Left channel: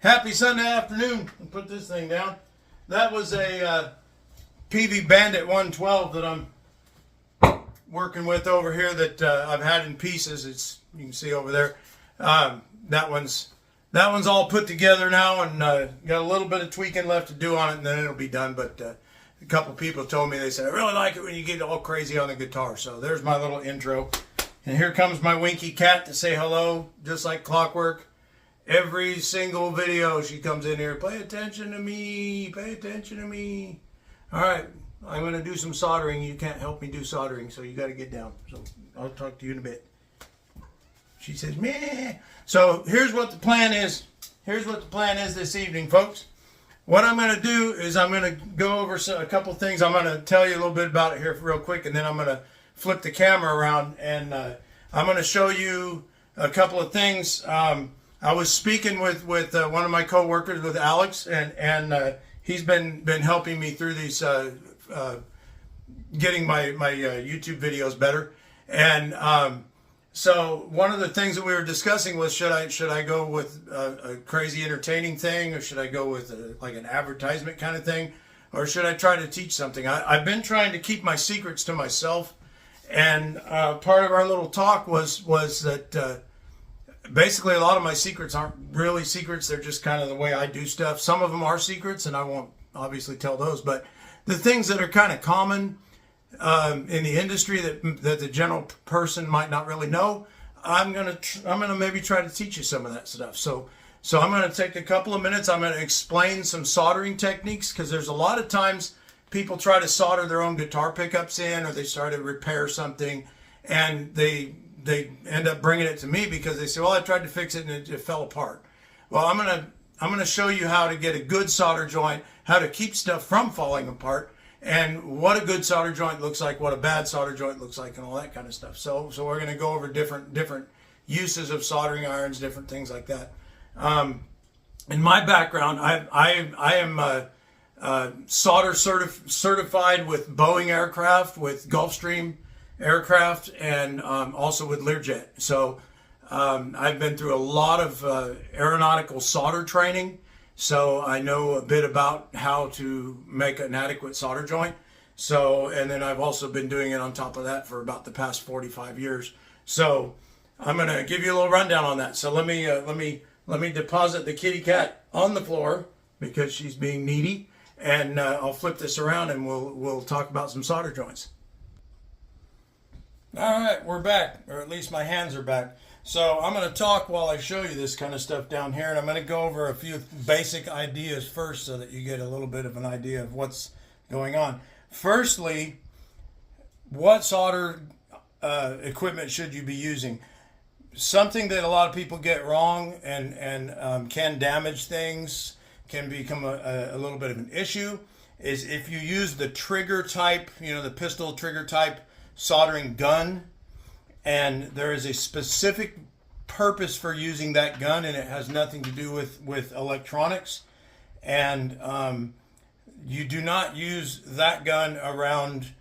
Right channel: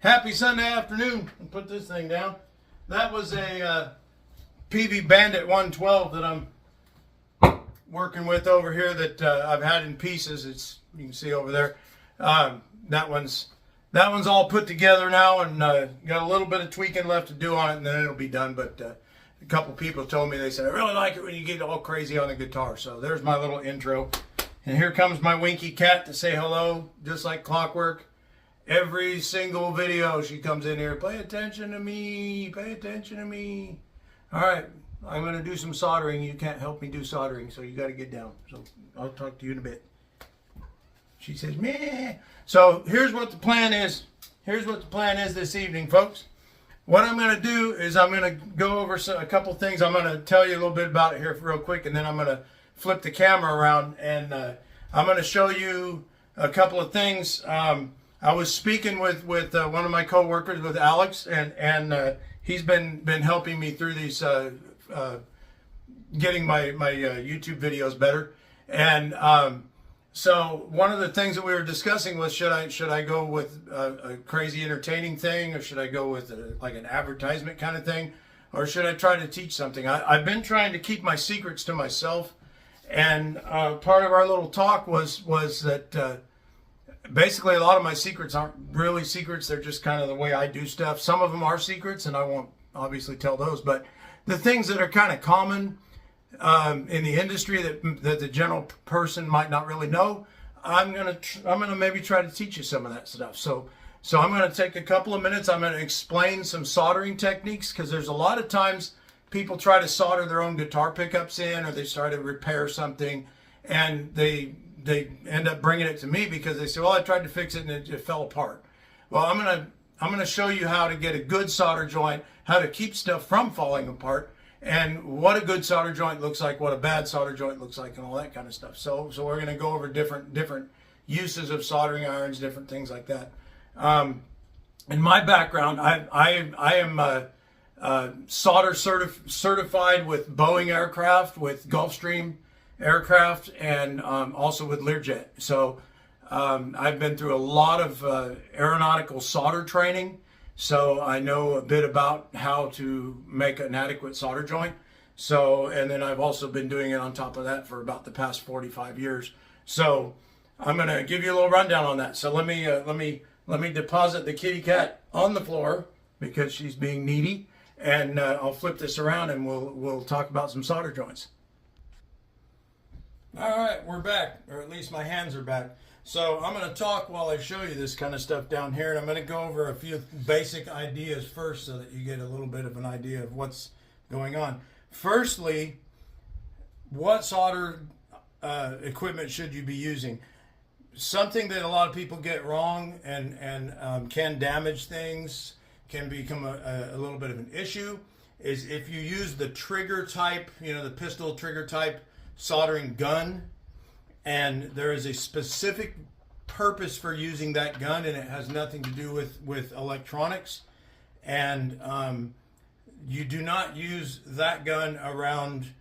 Happy Sunday afternoon. I'll put this thing down. That was a PV Bandit 112 that I'm working with over here that I've had in pieces. It's, you can see over there. That one's all put together now, and got a little bit of tweaking left to do on it, and then it'll be done. But a couple people told me, they said, I really like it when you get all crazy on the guitar. So there's my little intro. And here comes my Winky cat to say hello, just like clockwork. Every single video she comes in here, pay attention to me, pay attention to me. All right, I'm going to do some soldering. You can't help me do soldering, so you got to get down. So I'll talk to you in a bit. She says, meh. So here's what the plan is. Here's what the plan is this evening, folks. What I'm going to do is I'm going to go over a couple things. I'm going to tell you a little bit about it here real quick, and then I'm going to flip the camera around, and I'm going to show you a couple of things. I was speaking with one of my co-workers, with Alex, and he's been helping me through these, getting my YouTube videos better. And so one of the things that we were discussing was, should I go with a crazy entertaining thing, or should I go with like an advertisement kind of thing, or should I try to teach something? I've been trying to keep my secrets to myself, and part of our little talk was that basically a lot of my secrets aren't really secrets. They're just kind of the way I do stuff. Some of them are secrets, and I won't obviously tell those, but the things that are kind of common in the industry that the general person might not really know, I'm gonna maybe try to teach you some of that stuff. So I'm gonna take a couple of minutes. I'm gonna explain some soldering techniques, because there's a lot of times people try to solder their own guitar pickups in, or they try to repair something, and they end up bringing it to me because they say, well, I tried to fix it and it fell apart. Well, I'm gonna show you how to get a good solder joint, how to keep stuff from falling apart, and what a good solder joint looks like, what a bad solder joint looks like, and all that kind of stuff. So we're gonna go over different uses of soldering irons, different things like that. In my background, I am solder certified with Boeing aircraft, with Gulfstream aircraft, and also with Learjet. So I've been through a lot of aeronautical solder training, so I know a bit about how to make an adequate solder joint. So, and then I've also been doing it on top of that for about the past 45 years. So I'm going to give you a little rundown on that. So let me deposit the kitty cat on the floor because she's being needy, and I'll flip this around and we'll talk about some solder joints. All right, we're back, or at least my hands are back. So I'm going to talk while I show you this kind of stuff down here, and I'm going to go over a few basic ideas first so that you get a little bit of an idea of what's going on. Firstly, what solder equipment should you be using? Something that a lot of people get wrong and can damage things, can become a little bit of an issue, is if you use the trigger type, the pistol trigger type soldering gun, and there is a specific purpose for using that gun, and it has nothing to do with electronics, and you do not use that gun around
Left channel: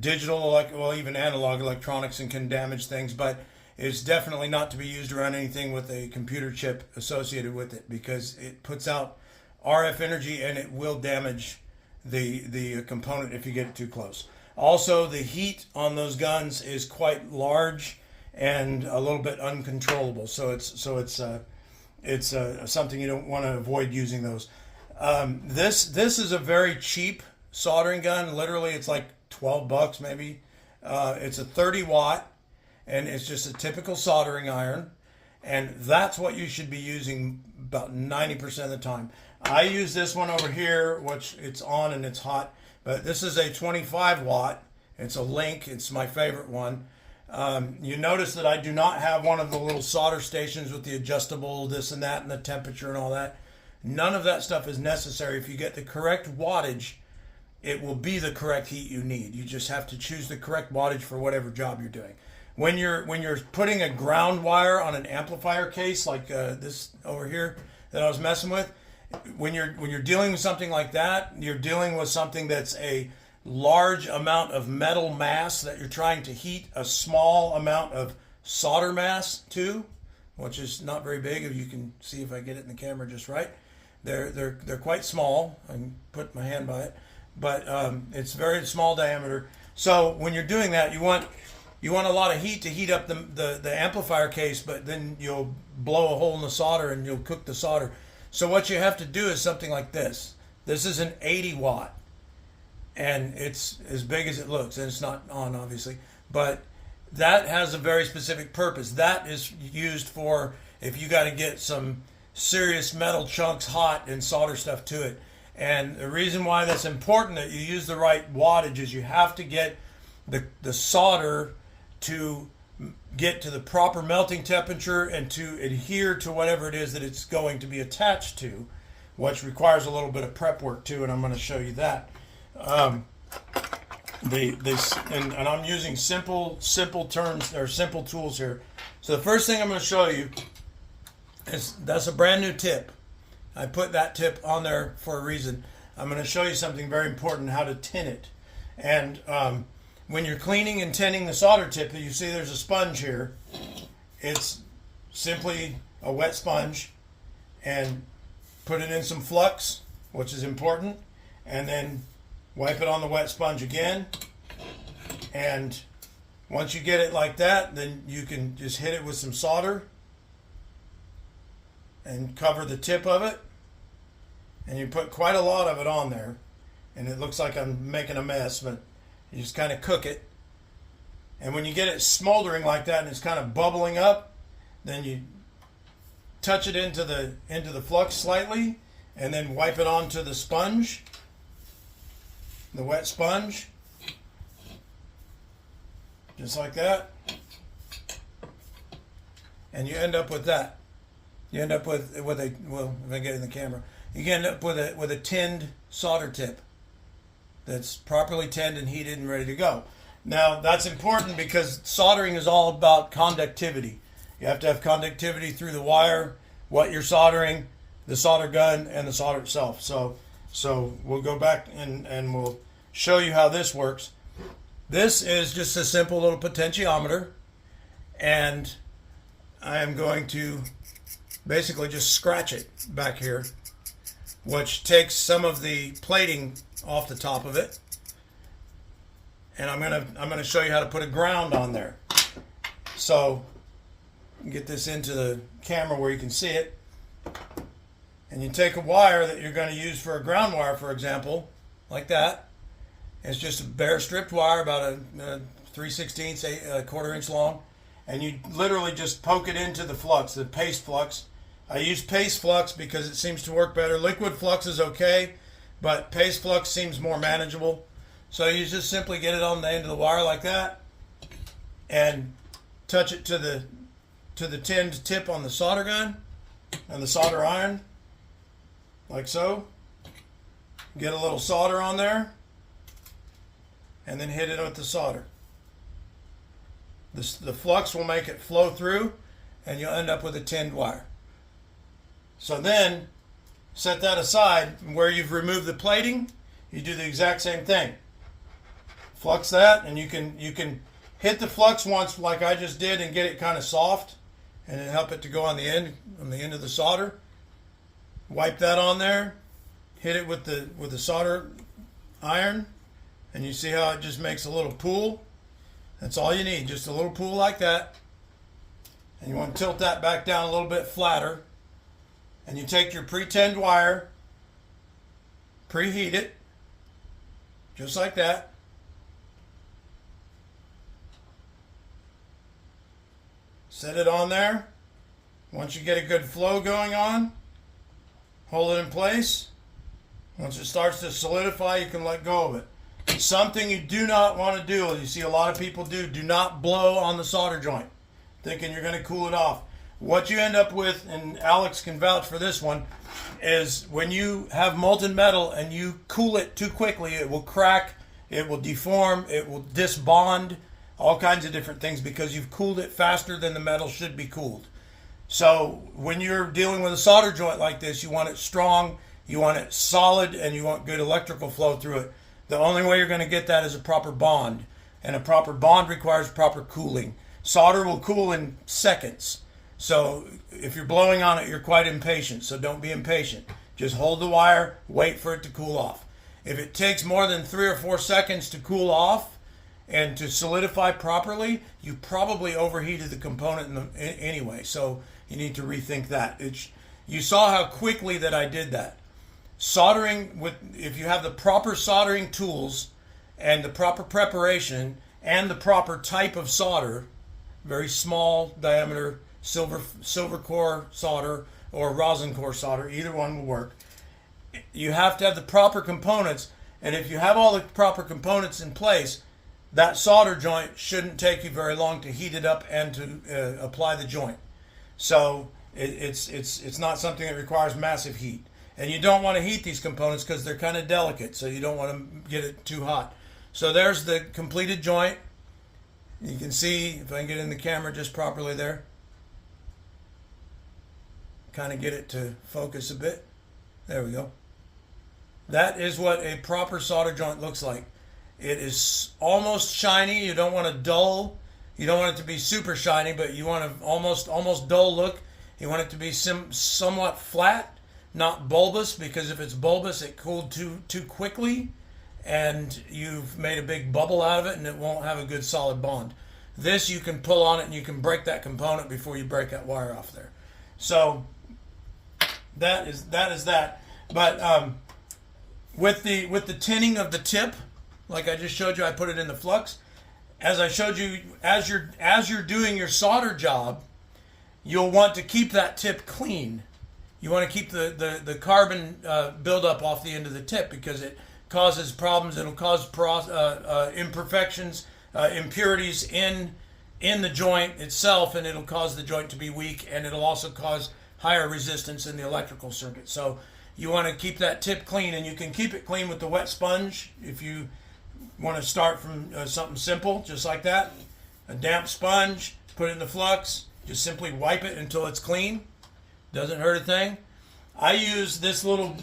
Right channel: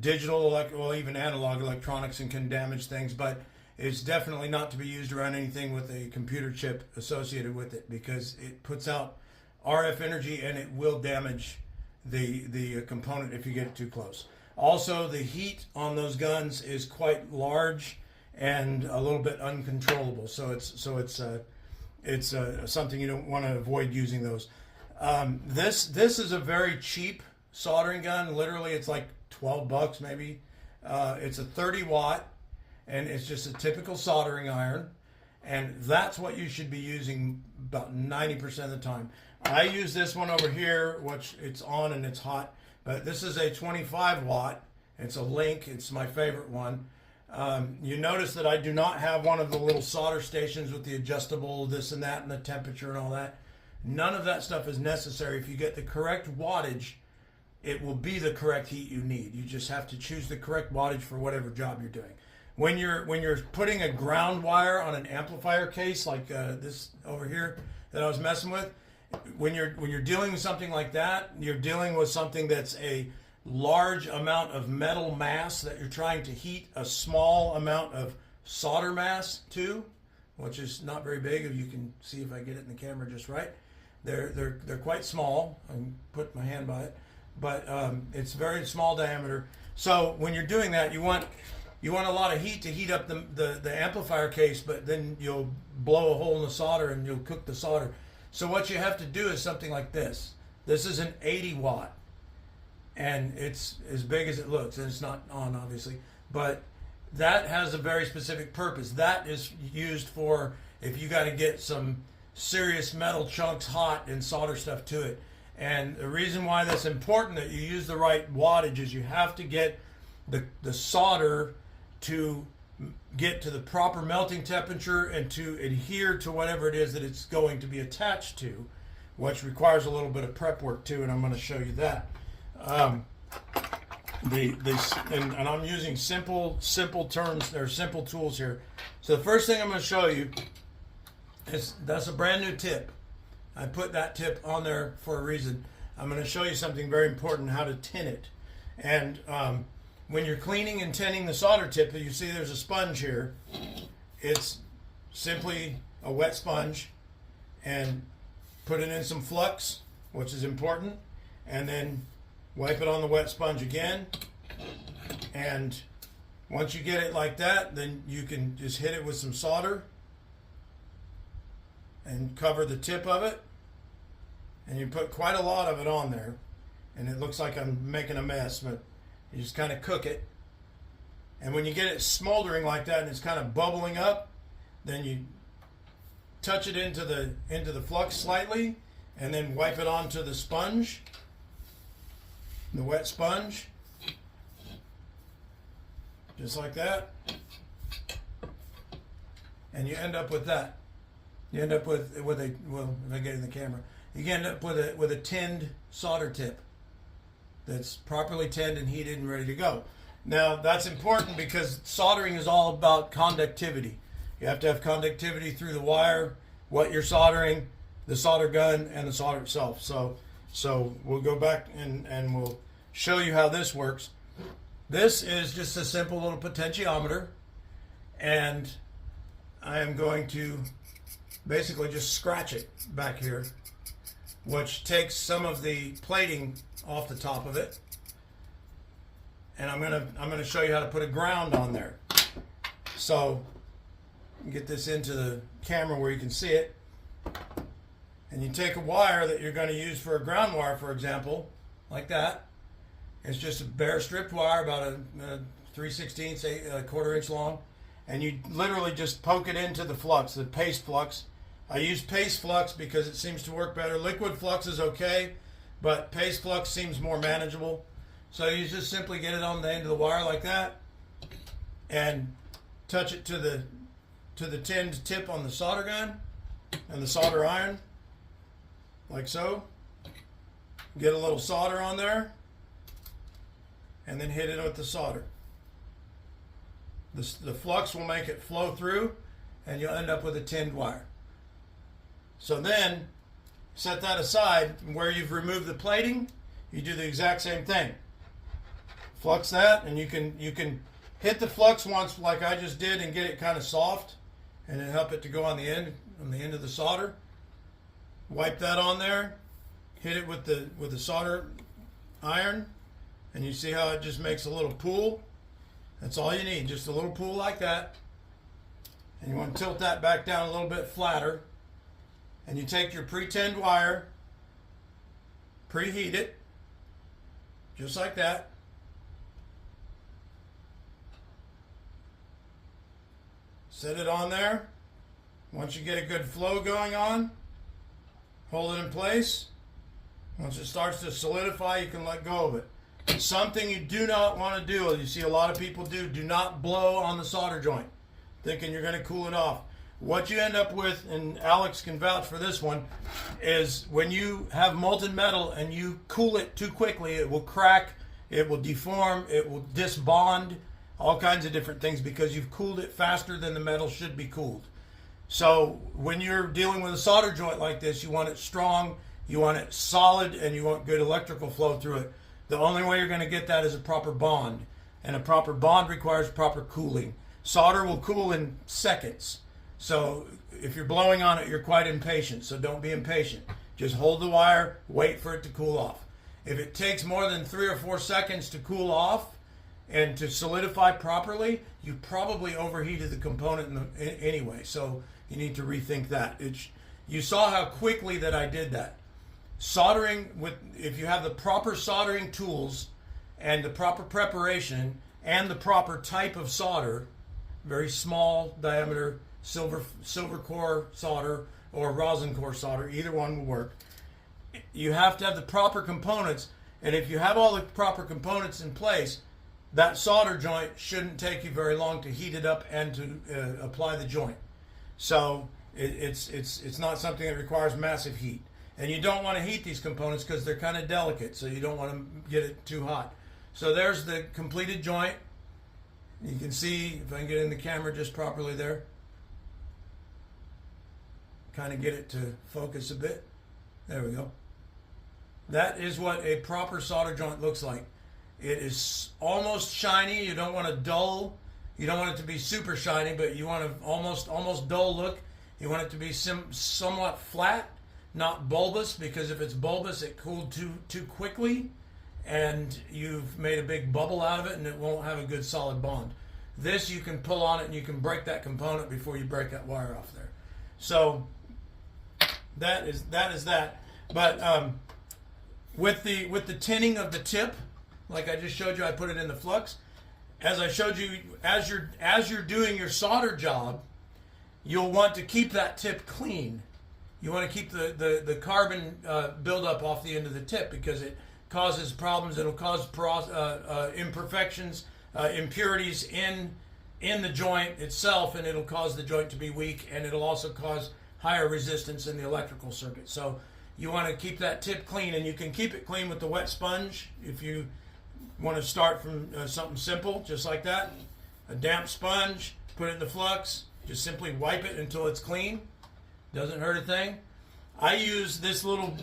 digital, well, even analog electronics, and can damage things, but it's definitely not to be used around anything with a computer chip associated with it, because it puts out RF energy and it will damage the component if you get it too close. Also, the heat on those guns is quite large and a little bit uncontrollable. So it's something you don't want to avoid using those. This is a very cheap soldering gun. Literally, it's like $12 maybe. It's a 30 watt, and it's just a typical soldering iron. And that's what you should be using about 90% of the time. I use this one over here, which it's on and it's hot. But this is a 25 watt. It's a Link. It's my favorite one. You notice that I do not have one of the little solder stations with the adjustable this and that and the temperature and all that. None of that stuff is necessary. If you get the correct wattage it will be the correct heat you need. You just have to choose the correct wattage for whatever job you're doing. When you're putting a ground wire on an amplifier case like this over here that I was messing with, when you're dealing with something like that, you're dealing with something that's a large amount of metal mass that you're trying to heat a small amount of solder mass to, which is not very big. If you can see if I get it in the camera just right, they're quite small. I can put my hand by it, but it's very small diameter. So when you're doing that, you want a lot of heat to heat up the amplifier case, but then you'll blow a hole in the solder and you'll cook the solder. So what you have to do is something like this. This is an 80 watt, and it's as big as it looks, and it's not on obviously, but that has a very specific purpose. That is used for if you got to get some serious metal chunks hot and solder stuff to it. And the reason why that's important that you use the right wattage is you have to get the solder to get to the proper melting temperature and to adhere to whatever it is that it's going to be attached to, which requires a little bit of prep work too, and I'm going to show you that. And I'm using simple terms or simple tools here. So the first thing I'm going to show you is that's a brand new tip. I put that tip on there for a reason. I'm going to show you something very important, how to tin it. And when you're cleaning and tinning the solder tip, you see there's a sponge here. It's simply a wet sponge, and put it in some flux, which is important, and then wipe it on the wet sponge again. And once you get it like that, then you can just hit it with some solder and cover the tip of it. And you put quite a lot of it on there, and it looks like I'm making a mess, but you just kind of cook it. And when you get it smoldering like that and it's kind of bubbling up, then you touch it into the flux slightly, and then wipe it onto the sponge, the wet sponge, just like that. And you end up with that. You end up with a, well, if I get it in the camera, you end up with a tinned solder tip that's properly tinned and heated and ready to go. Now that's important because soldering is all about conductivity. You have to have conductivity through the wire, what you're soldering, the solder gun, and the solder itself. So we'll go back and we'll show you how this works. This is just a simple little potentiometer, and I am going to basically just scratch it back here, which takes some of the plating off the top of it. And I'm gonna show you how to put a ground on there. So get this into the camera where you can see it. And you take a wire that you're going to use for a ground wire, for example, like that. It's just a bare stripped wire, about a 3/16, a quarter inch long, and you literally just poke it into the flux, the paste flux. I use paste flux because it seems to work better. Liquid flux is okay, but paste flux seems more manageable. So you just simply get it on the end of the wire like that, and touch it to the tinned tip on the solder gun and the solder iron, like so. Get a little solder on there, and then hit it with the solder. The flux will make it flow through, and you'll end up with a tinned wire. So then, set that aside. Where you've removed the plating, you do the exact same thing. Flux that, and you can hit the flux once like I just did and get it kind of soft, and then help it to go on the end of the solder. Wipe that on there, hit it with the solder iron, and you see how it just makes a little pool. That's all you need, just a little pool like that. And you want to tilt that back down a little bit flatter. And you take your pre-tinned wire, preheat it, just like that. Set it on there. Once you get a good flow going on, hold it in place. Once it starts to solidify, you can let go of it. Something you do not want to do, you see a lot of people do not blow on the solder joint, thinking you're going to cool it off. what you end up with, and Alex can vouch for this one, is when you have molten metal and you cool it too quickly, it will crack, it will deform, it will disbond, all kinds of different things because you've cooled it faster than the metal should be cooled. So when you're dealing with a solder joint like this, you want it strong, you want it solid, and you want good electrical flow through it. The only way you're going to get that is a proper bond, and a proper bond requires proper cooling. Solder will cool in seconds. So if you're blowing on it, you're quite impatient, so don't be impatient. Just hold the wire, wait for it to cool off. If it takes more than 3 or 4 seconds to cool off and to solidify properly, you probably overheated the component anyway, so you need to rethink that. You saw how quickly that I did that. Soldering, if you have the proper soldering tools and the proper preparation and the proper type of solder, very small diameter, silver core solder or rosin core solder, either one will work. You have to have the proper components, and if you have all the proper components in place, that solder joint shouldn't take you very long to heat it up and to apply the joint. So it's not something that requires massive heat. And you don't want to heat these components because they're kind of delicate, so you don't want to get it too hot. So there's the completed joint. You can see, if I can get in the camera just properly there, kind of get it to focus a bit. There we go. That is what a proper solder joint looks like. It is almost shiny. You don't want a dull. You don't want it to be super shiny, but you want an almost dull look. You want it to be somewhat flat, not bulbous, because if it's bulbous, it cooled too quickly, and you've made a big bubble out of it, and it won't have a good solid bond. This, you can pull on it, and you can break that component before you break that wire off there. So that is that. But with the tinning of the tip, like I just showed you, I put it in the flux. As I showed you, as you're doing your solder job, you'll want to keep that tip clean. You want to keep the carbon buildup off the end of the tip because it causes problems. It'll cause imperfections, impurities in the joint itself, and it'll cause the joint to be weak, and it'll also cause higher resistance in the electrical circuit. So you want to keep that tip clean, and you can keep it clean with the wet sponge if you want to start from something simple, just like that. A damp sponge, put it in the flux, just simply wipe it until it's clean. Doesn't hurt a thing. I use this little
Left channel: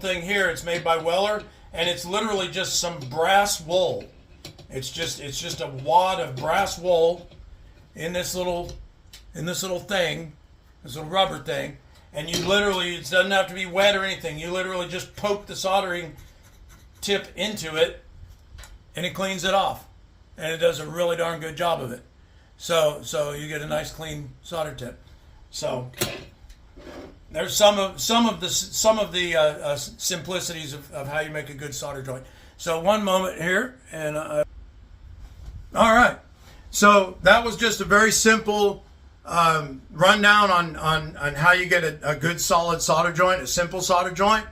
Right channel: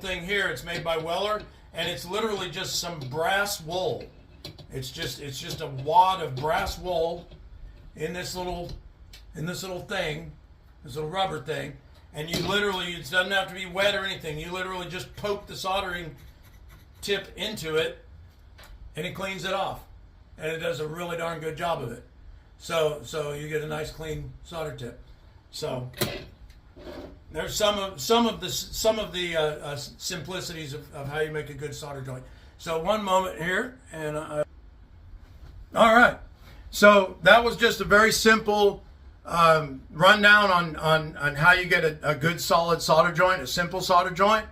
thing here. It's made by Weller, and it's literally just some brass wool. It's just a wad of brass wool in this little thing, this little rubber thing, and you literally, it doesn't have to be wet or anything. You literally just poke the soldering tip into it, and it cleans it off, and it does a really darn good job of it. So you get a nice clean solder tip. So there's some of the simplicities of how you make a good solder joint. So one moment here, and all right. So that was just a very simple rundown on how you get a good solid solder joint, a simple solder joint.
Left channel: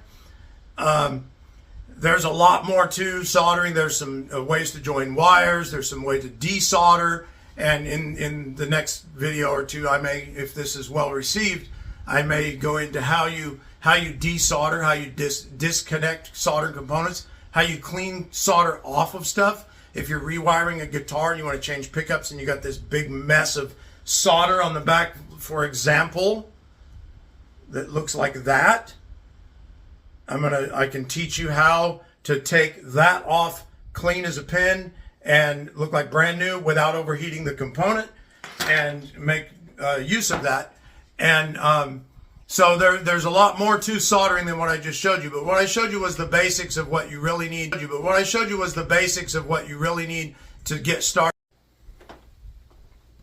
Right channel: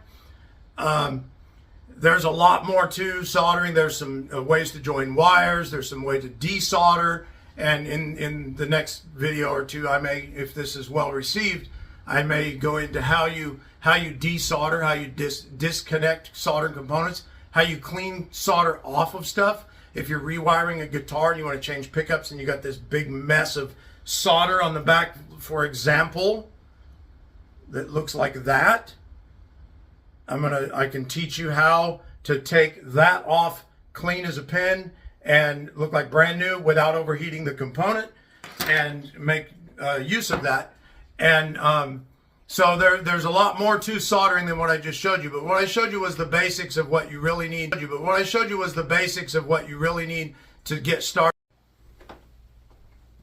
There's a lot more to soldering. There's some ways to join wires. There's some way to desolder. And in the next video or two, I may, if this is well received, I may go into how you desolder, how you disconnect soldering components, how you clean solder off of stuff. If you're rewiring a guitar and you want to change pickups and you got this big mess of solder on the back, for example, that looks like that, I can teach you how to take that off clean as a pin and look like brand new without overheating the component and make use of that. And so there's a lot more to soldering than what I just showed you. But what I showed you was the basics of what you really need. To get started.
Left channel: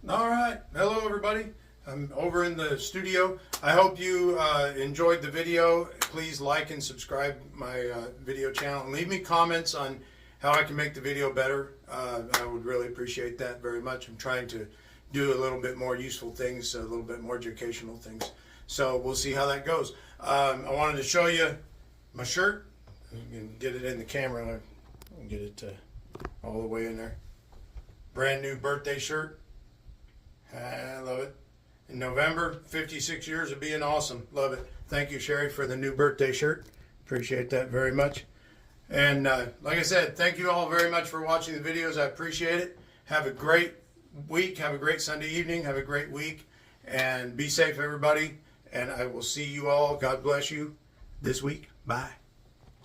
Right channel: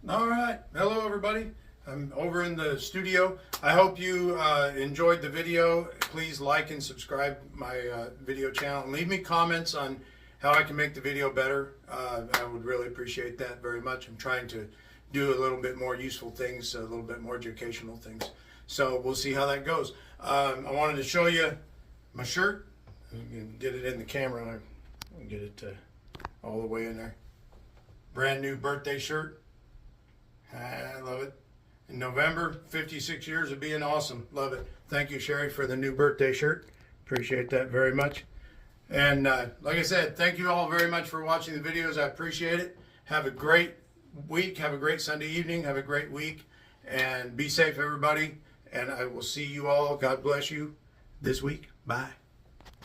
All right. Hello, everybody. I'm over in the studio. I hope you enjoyed the video. Please like and subscribe my video channel and leave me comments on how I can make the video better. I would really appreciate that very much. I'm trying to do a little bit more useful things, a little bit more educational things. So we'll see how that goes. I wanted to show you my shirt. You can get it in the camera. I'll get it all the way in there. Brand new birthday shirt. I love it. in November. 56 years of being awesome. Love it. Thank you, Sherry, for the new birthday shirt. Appreciate that very much. And like I said, thank you all very much for watching the videos. I appreciate it. Have a great week. Have a great Sunday evening. Have a great week. And be safe, everybody. And I will see you all. God bless you this week. Bye.